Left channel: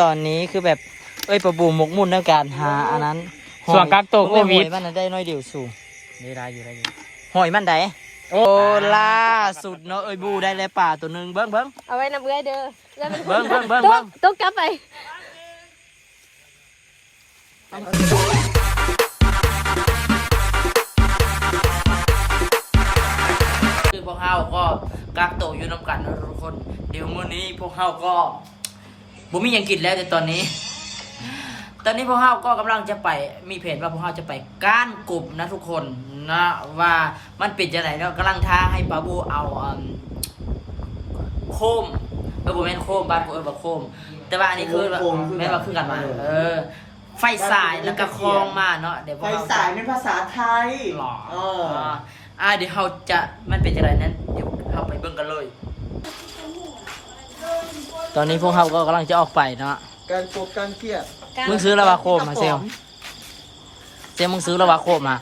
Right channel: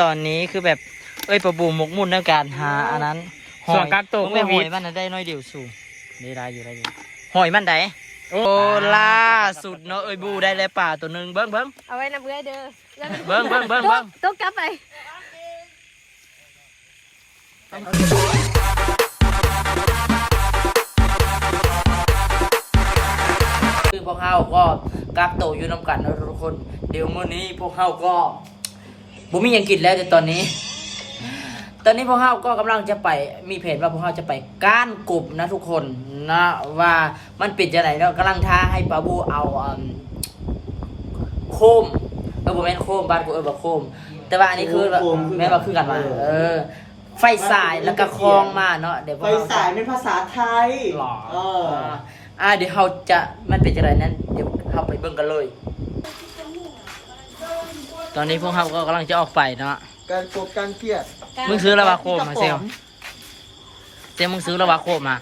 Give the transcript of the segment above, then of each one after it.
ตอนนี้คือแบบเอ้ยประบูหมกมุ่นในการหาอันนั้นหส่อวนยการตกไม่โคหวิอด ยมันน่ะได้น้อยเดียวสู่ได้ได้อยู่ได้อยู่หอยมันไดโอ้ล่าสุดเนาะเอ้ยบูได้เลยป่าตัวหนึ่งเบิ้งเบิ้ง เอาไว้นำเอื้อยเด้อเบิ่งเบิ่งเบิ่งเบิ่งต้องกลับไปคือพวกเฮาก็กักโตวอยู่น้ำกันนะทุกคน เดี๋ยวมื้อนี้พวกเฮาก็ บ่มีหยังกินแล้วแต่ตอนนี้ ตอนนี้พวกเฮาก็กำลังจะไปมีเพจว่าพวกเฮาจะไปก้านกบนะทุกคนนะว่ามันเป็นจะไหนเนาะกำลังท้าให้ปาบูเอาอืมโคมเออบ่แม่นโคมบ้านกูเออบ่โคม แต่ว่าอันนี้คือโคมคือแม่นว่าคือกันมา เออ ไฟสายแล้วก็คลองมาเนาะเดี๋ยวพวไฟกเฮาสายเป็นภาษาไทยหรอเอออ่าอ่าเดี๋ยวเราจะมันเป็นจะไรนั้น เดี๋ยวเราไปเบิ่งกันเลย ตอนนี้พวกเราก็กำลังจะออกไปเนาะการโกดการเครียดมึงซื้อละวาโคมมาเซลเซลมึงซื้อละวาโคมมา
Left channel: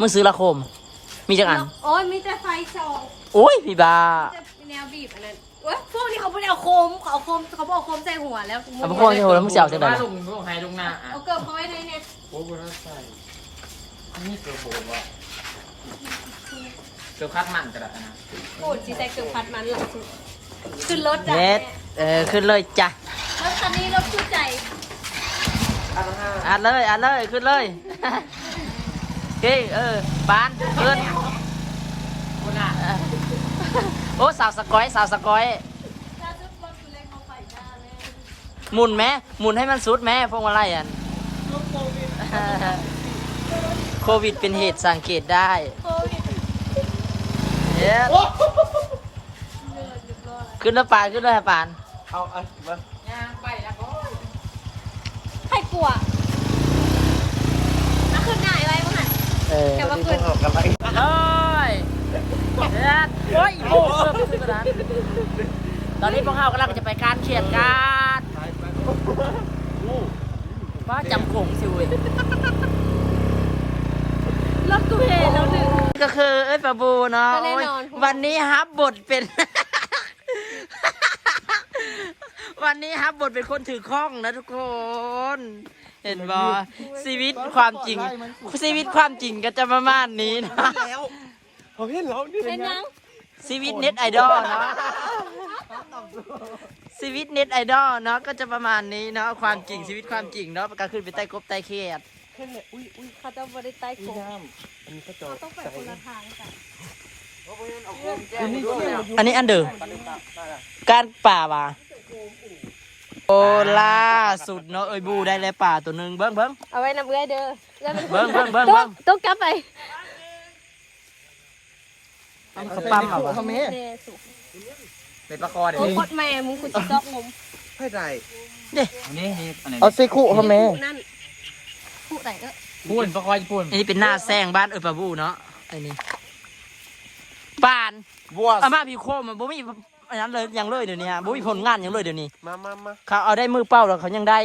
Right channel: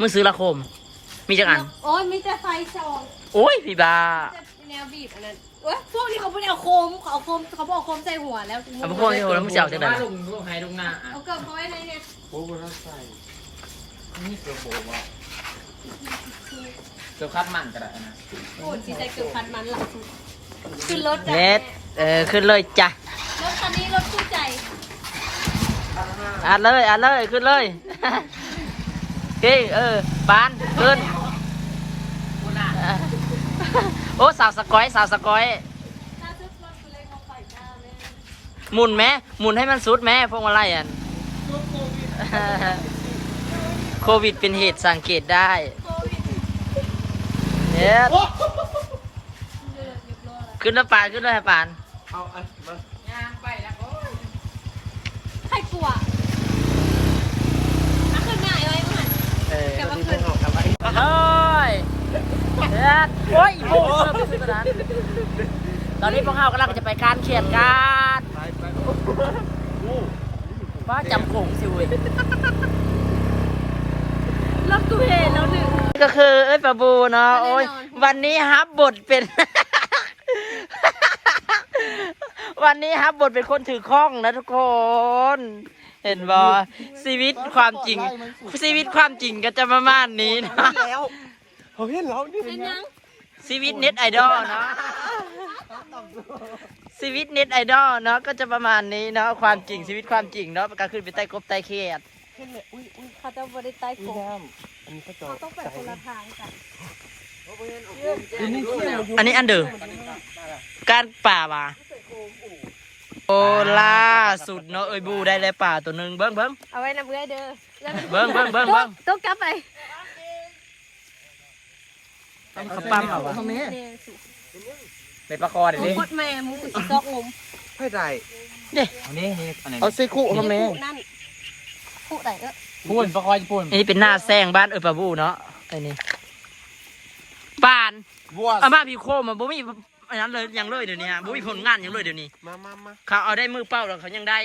มึงซื้อละโคม มีจักอัน โอ้ยมีแต่ไฟสองโอ้ยพี่บาแต่แนวบีบอันนั้นเว้ยพวกนี้เขาไม่ได้เอาโคมเขาเอาโคมเขาบอกโคมใส่หัวแล้วเอาพวกนี้โหแล้วมึงจะเอาจากไหนล่ะลุงลุงไฮลุงหน้าอะเอาเกิบเขาไว้ในเนี่ยโอ้โหน่าใส่นี่เกือบโบว่ะเกือบคัดมันกระดาษนะโอ้ยสีใส่เกือบพัดมันหลังสุด ขึ้นรถจ้ะเน็ตเออขึ้นเลยจ้ะรถคันนี้รถคู่ใจอัดเลยอัดเลยขึ้นเลยเฮ้ยเออปานขึ้นโอ้สาวสกอยสาวสกอยถ้าชุดรถกูเล็กเขาไปหน้าเลยหมุนแม่หมุนให้มันสุดแม่พวกมาไล่อันโควิดเป็นเหตุสังเกตได้โควิดเน็ต ขึ้นแล้วปานขึ้นแล้วปาน เอาอันมาใครกลัวนักขึ้นหน้าไว้มั้งหัน เออแต่ว่าขึ้นเฮ้ยเน็ตโอ้ยโอ้เริ่มขึ้นกระดานตอนนี้พวกเรากำลังจะไปการเขียนการไปไปว่าจำโขงสิเว้ยรถกูเห็นแล้วหนึ่ง ก็คือเอ้ยปะบูเนาะแน่นอนโอ้ยวันนี้ฮับบทเป็น วันนี้ฮับบทเป็นคนถือข้องนะทุกคน เห็นบอชีวิตความจริง ชีวิตความจริงก็จะประมาณนี้นะแล้วผมเห็นแล้วนี่เป็นยังชีวิตเน็ตไอดอลเนาะชีวิตเน็ตไอดอลเนาะก็จะประมาณนี้เนาะความจริงชีวิตความจริงเนาะการขึ้นไปใต้กบใต้เขียดเห็นเลยอุ้ยอุ้ยเขาจะบริใต้นี่โคมน้ำอันนี้ก็จอต้องไปคนละทางกันอันนี้ด้วยอันนี้อันเดิมการป่าว่ะ โอ้ล่าสุดเนาะเอ้ยบูได้เลยป่าตัวหนึ่งเบิ้งเบิ้งเอาไว้นำเอื้อยเด้อเบิ่งเบิ่งเบิ่งเบิ่งต้องกลับไปเขาปั๊มเอาวะเนี่ยสุในปลาคอโอ้เดี๋ยวนี้โคตรแม่มึงกูจะซอกงมไม่ได้เด้อันนี้นี่อันนี้เอาเซคุทำไมผู้นั่นผู้ไหนเออพูนปลาคอญี่ปุ่นอันนี้เป็นหน้าแซงบ้านเอ้ยปะบูเนาะไอ้นี่ป่าน บัวอามาพี่โคมมันบ่มี อันนั้นเลยยังเลยเดี๋ยวนี้ฮะบ่มีผลงานยังเลยเดี๋ยวนี้มามามาเขาเอาได้มือเป้าแล้วเขายังได้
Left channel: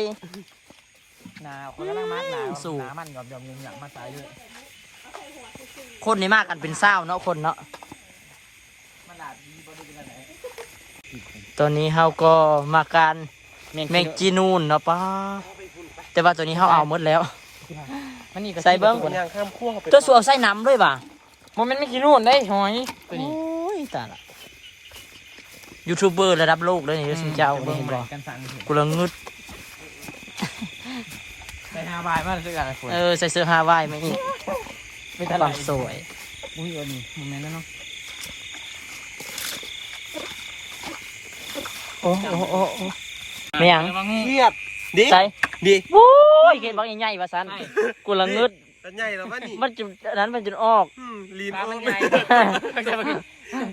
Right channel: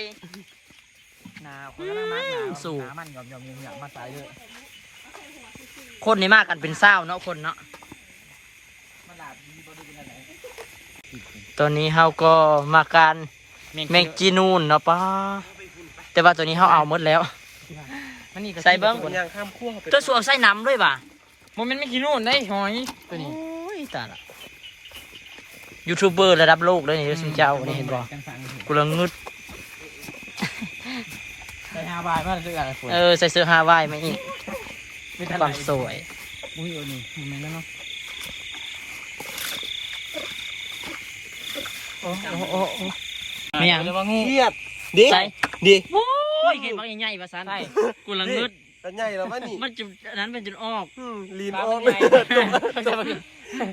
หนาวเขากำลังมาหนาวสู้หนามันกับเดี๋ยวมึงอยากมาตายเลยคนนี่มากกันเป็นเศร้าเนาะคนเนาะมันหลาดมีบริเวณไหนตอนนี้เฮาก็มาการแมงจีนูนเนาะป้าแต่ว่าตัวนี้เฮาเอาหมดแล้ว มันนี่ก็ใส่เบิ่ง คนย่างข้ามขั้วไปตัวสัวใส่น้ำด้วยป่ะมันไม่กินนู่นได้หอยตัวนี้ โอ้ยตายละ ยูทูบเบอร์ระดับโลกเลยนี่สิเจ้านี่เห็นบ่กันสั่งกูละงึดใส่ฮาบายมาซื้ออะไรฝนเออใส่เสื้อฮาวายมาอีกไม่ทันความสวยอุ้ยเออนี่มันแม่นแล้วเนาะโอ้โอ้โอ้โอ้ไม่หยังว่างูเครียดดิใส่ดิโอ้ยเก็บบักใหญ่ๆว่าซั่นใช่กูละงึดสัญญาแล้วว่านี่มันจุดอันนั้นมันจุดออกอืมลีนอปอลากมันไปใหญ่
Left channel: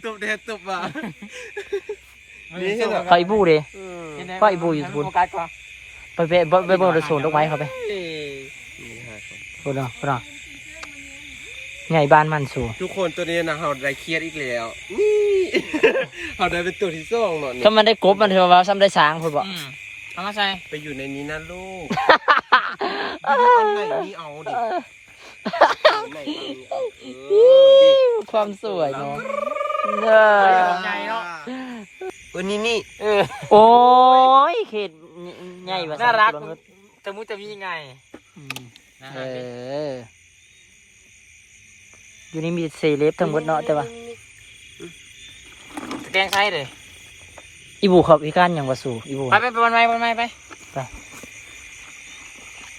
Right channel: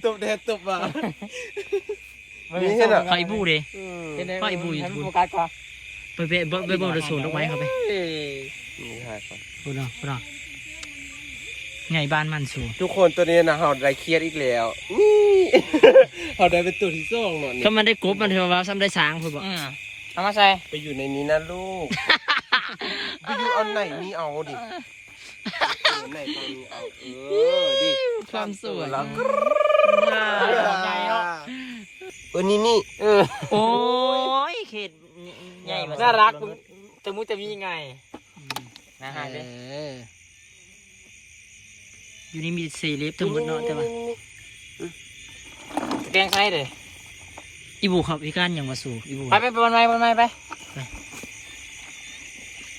ตบแดดตบมา นี่เห็นเหรอเขาอีบูเด้อืมปล่อยบุยบุญโฟกัสก่อนไปไปไปไปเบิ่งระสูนดอกไม้เขาไปเอ้ยนี่ค่ะครับพูดเนาะพูดเนาะใหญ่บ้านมันสูงทุกคนตัวนี้นะเฮาได้เครียดอีกแล้วนี่เฮาได้เป็นตัวที่สองเนาะเนี่ยก็มันได้กบมันเถอะว่าซ้ำได้สางพูดบ่อืมเอามาใส่ไปอยู่ในนี้นะลูกวิดีโออันไหนนี่เอาดิอันไหนเอาเออดิความสวยเนาะใหญ่เนาะ เออนี่นี่เออโอ้ยเขตใหญ่มาน่ารักจะมุจะมีไงน่าเอรักเลยออยู่นี่มีเซเลบทั้งหมดเนาะแต่ว่าแกงใช่เลยอีบูเขาพิการอย่างว่าสู่อีบูไปไปไปวันไหนวันไหนไป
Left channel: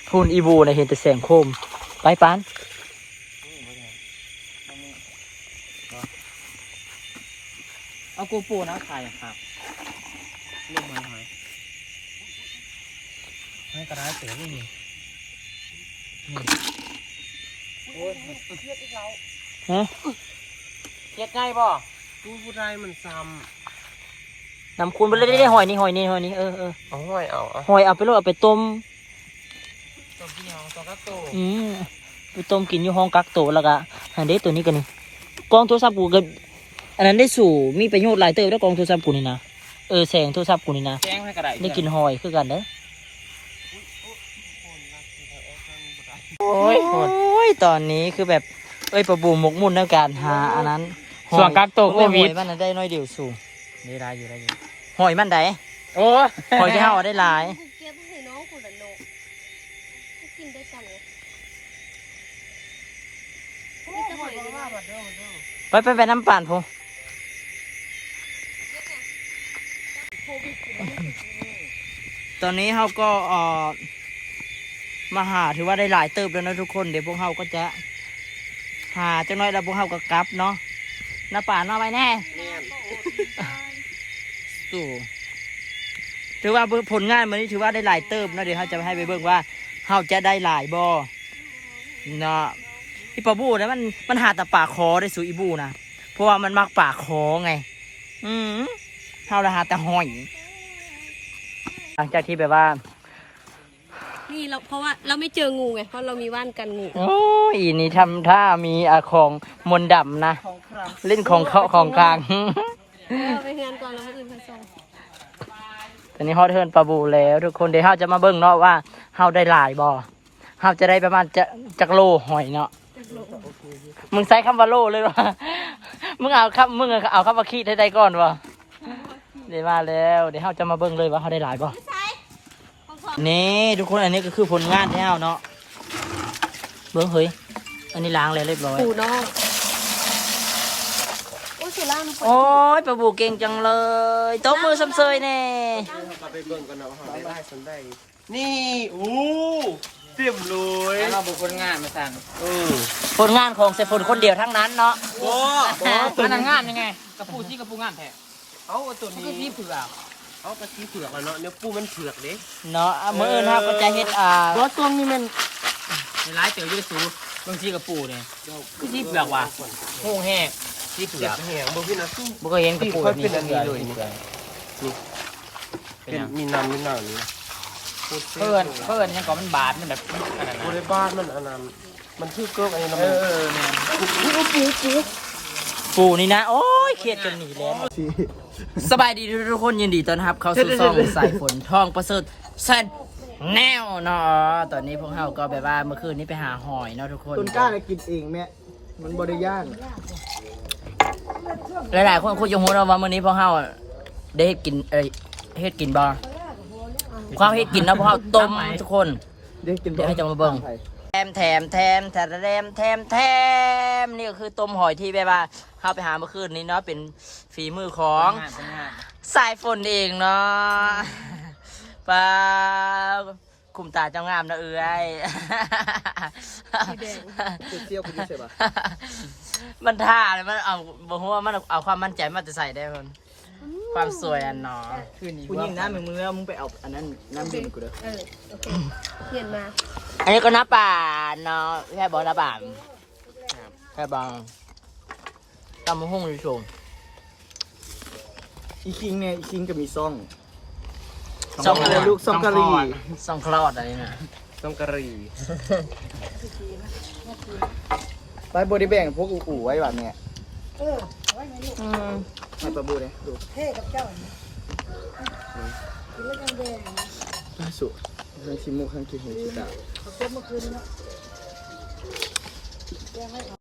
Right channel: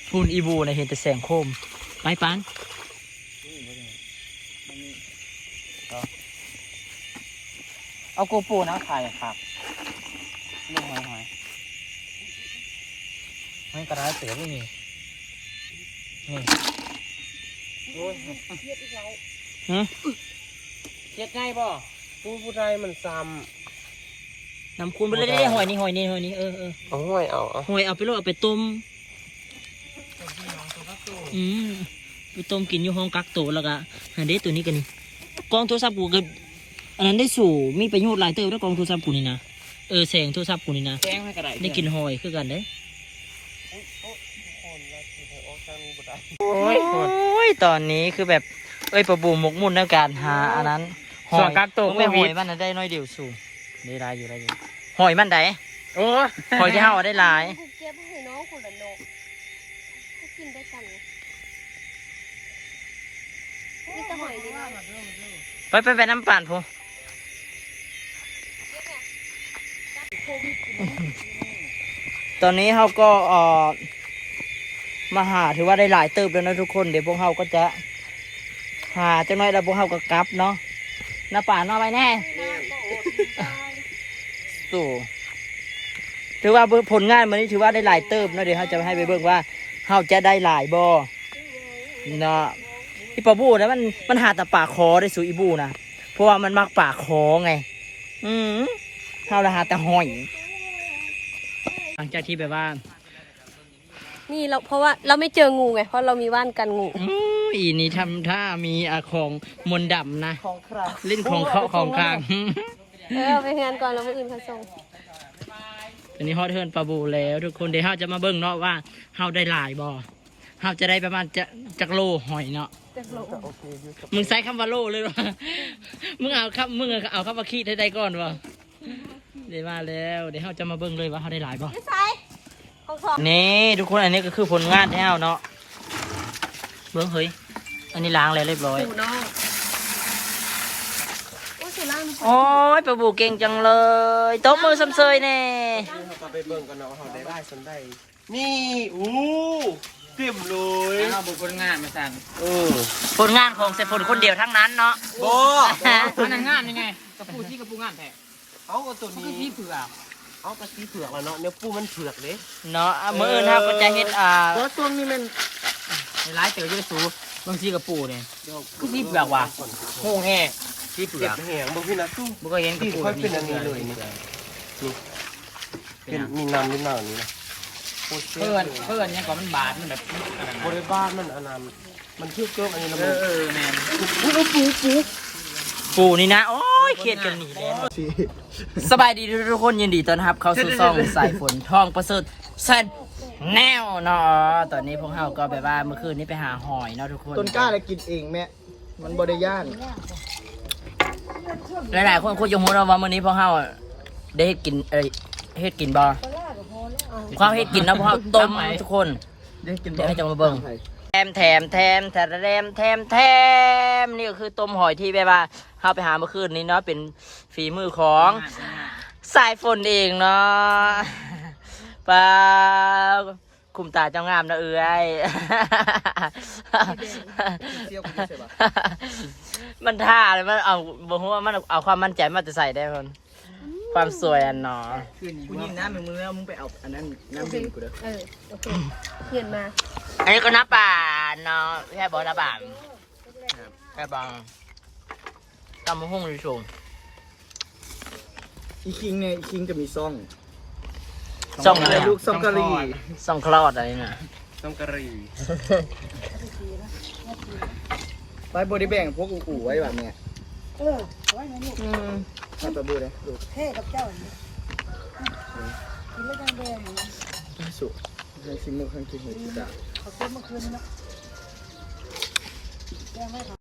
พูนอีบูในะเห็นแต่แสงโคมไปปาน เอากูปูนะใครครับลูกหอยหอยไม่กระไรเสือไม่มีนี่โอ้ยฮะเก็ดง่ายป่ะผู้ผู้ใดมันซ้นำคุณไปเลยได้หอยนี่หอยนี่หอยนี่เออเออำเอาห้อยเอาเอาหอยเอาไปโลดเอาไปต้มตัวพี่น้องตัวกระโตอืมไปต้มกินอยู่ห้องกักโตวแล้วก็หันเด้ตัวนี้กันนี่กองโทรศัพท์กูก็ อันนั้นได้สู่มีประโยชน์หลายเติบแล้วกองโทรศัพท์กูนี่นะเออแสงโทรศัพท์กูนี่นะแกงให้กระไรได้กินหอยคือกันเด้คนรักที่เธอออกทางบ่ได้โอ้ยโอ้ยตอนนี้คือแบบเอ้ยประบูหมกมุ่นในการหาอันนั้นหส่อวนยกักโตมึงโคไม่หวิอยดมันน่ะได้น้อยเดียวสู่ได้หลายอยู่ได้อยู่หอยมันไดโอ้ยหอยที่เฮาเอาได้หลายกูเก็บให้น้องกูละโนกูกินด้วยกันไงนี่จะหอยดีไปไปไปน้ำปั่นพู ตอนนี้เฮาก็อ่อมาหาถือว่าได้หลายเติบแล้วนะทุกคน เดี๋ยวพวกเฮาก็จะ หาจังน้อยแล้วพวกเฮาก็กลับเนาะหน้าป่านเนาไปแน่สู่ถือว่าผลงานมันนี้ถือว่าได้หลายเติบเนาะเดี๋ยวเขาจะให้ไปเบิ่งว่าเฮาจะได้หลายบ่เนาะอีปลาบูนะมันมันหาแต่ป่าคอได้สู่อีบูนะเพราะว่ามันมักป่าคอไง อืม เฮาละหาแต่หอย หลังจากที่แบบว่านี่เราเพราะว่าเราไม่เจองูไงเพราะเรามีว่านกันงูโอ้ยนี่ทำท่ามีอาของมนต์ดำนะเล่นของเขาของกลางเออไปงานก่อนแล้วมืออื่นเขาส่งตอนนี้ฮอตเทิร์นปลาบูแล้วทุกคนเดี๋ยวเฮาจะมาเบิ่งเนาะว่าเฮาได้หลายบ่เฮาจะได้ประมาณจะจักโลหอยเนาะมึงใช้คำว่าโลเลยวะมึงเอาคำมึงเอาคำว่าขี้ให้ได้ก่อนวะ เดี๋ยวมาแล้วเดี๋ยวเฮาจะมาเบิ่งเลยว่าเฮาได้หลายบ่ใส่ของสองนี่ทุกคนอันนี้ก็คือผลงานที่เฮาเนาะเบิ่งเฮ้ยอันนี้ล้างแล้วเรียบร้อยปูน้องโอ้ยสุรานี่โอ้ยปลาบูเก่งจังเลยตบมือซ้ำเซยแน่กลับไปเบิ่งกันนะว่าเขาได้ได้สันได้นี่อู้เต็มเลยเอาบุคคลงานมาสั่งเออผลงานของเซฟนคนเดียวทั้งนั้นเนาะโอ้อันนั้นงานยังไงกระปูที่กระปูงานแท้ เอาตัวมันนี้ก็ที่เผือกเอากระชี้เผือกแล้วเนาะเนื้อปูมันเผือกเด้เนาะอะมื้ออื่นเฮาก็จะเฮ็ดอ่าแล้วตัวนี้มันหลายเต๋อเยอะสูบางทีกระปูเนี่ยที่เผือกว่ะหูแห้งที่เผืเจ็อบกแหงบ่พี่นะบุก็เห็นกระปูค่อยเป็นอันนี้เลยนี่เป็นมีน้ำมีน้ำนี่นะเพื่อนเพื่อนยังก่อมันบาดมันแบบอะไรบริบ้านมันอันนั้นมันชื่อเกิบอันนี้นะเอมันอเออเนี่ยปู นี่นะ โอ้ยเครียดกันหนีแล้วสบายดีทุกคนยินดีต้อนรับ เข้าสู่ซ่องสายฝนทองประเสริฐแซนแนวเนาะตอนนี้พวกเฮาก็แบบว่าเมื่อคืนนี้ไปหาหอยเนาะทุกคน ต้นกล้าเลยกินเองแม่มันบริย่านหลายๆคนคุยยงหัวเราะว่ามื้อนี้พวกเฮาได้เฮ็ดกินเอ้ยเฮ็ดกินบ่ความเฮ็ดกินเนาะพวกเฮาต้มทุกคนเดี๋ยวกินเดี๋ยวให้จะมาเบิ่งแถมแถมแถมแถมแถมแถมแถมนี่ก็คือต้มหอยที่แบบว่า เข้าไปหาเมื่อคืนนี้เนาะเป็นฝีมือของสายฝนเองเนาะปลาคุมตาเจ้างามนะเอ้ยเที่ยวกันไอมันท่าเลยมันเอาบอกว่ามันเอาความมั่นใจมาจะใส่ได้คนความสวยอันเนาะคืนนี้กูว่าน้ำมึงแล้วมึงไปเอาอันนั้นน้ำดื่มกูเด้อเขียนมา อันนี้ก็น้าป่าเนาะใช่บอกน้าป่าใช่บอก ตำมะฮุ่งดิชมอีคิงเนี่ยอีคิงก็มีซ่องซ่องอะไรลูกซ่องกะหรี่ซ่องคลอดอะไรน่ะต้องกะหรี่ไปบริแบ่งพวกอู่ๆไว้แบบเนี้ยอืมมาประบูเลยดูสุในชิมมุกของกินหัวชิดา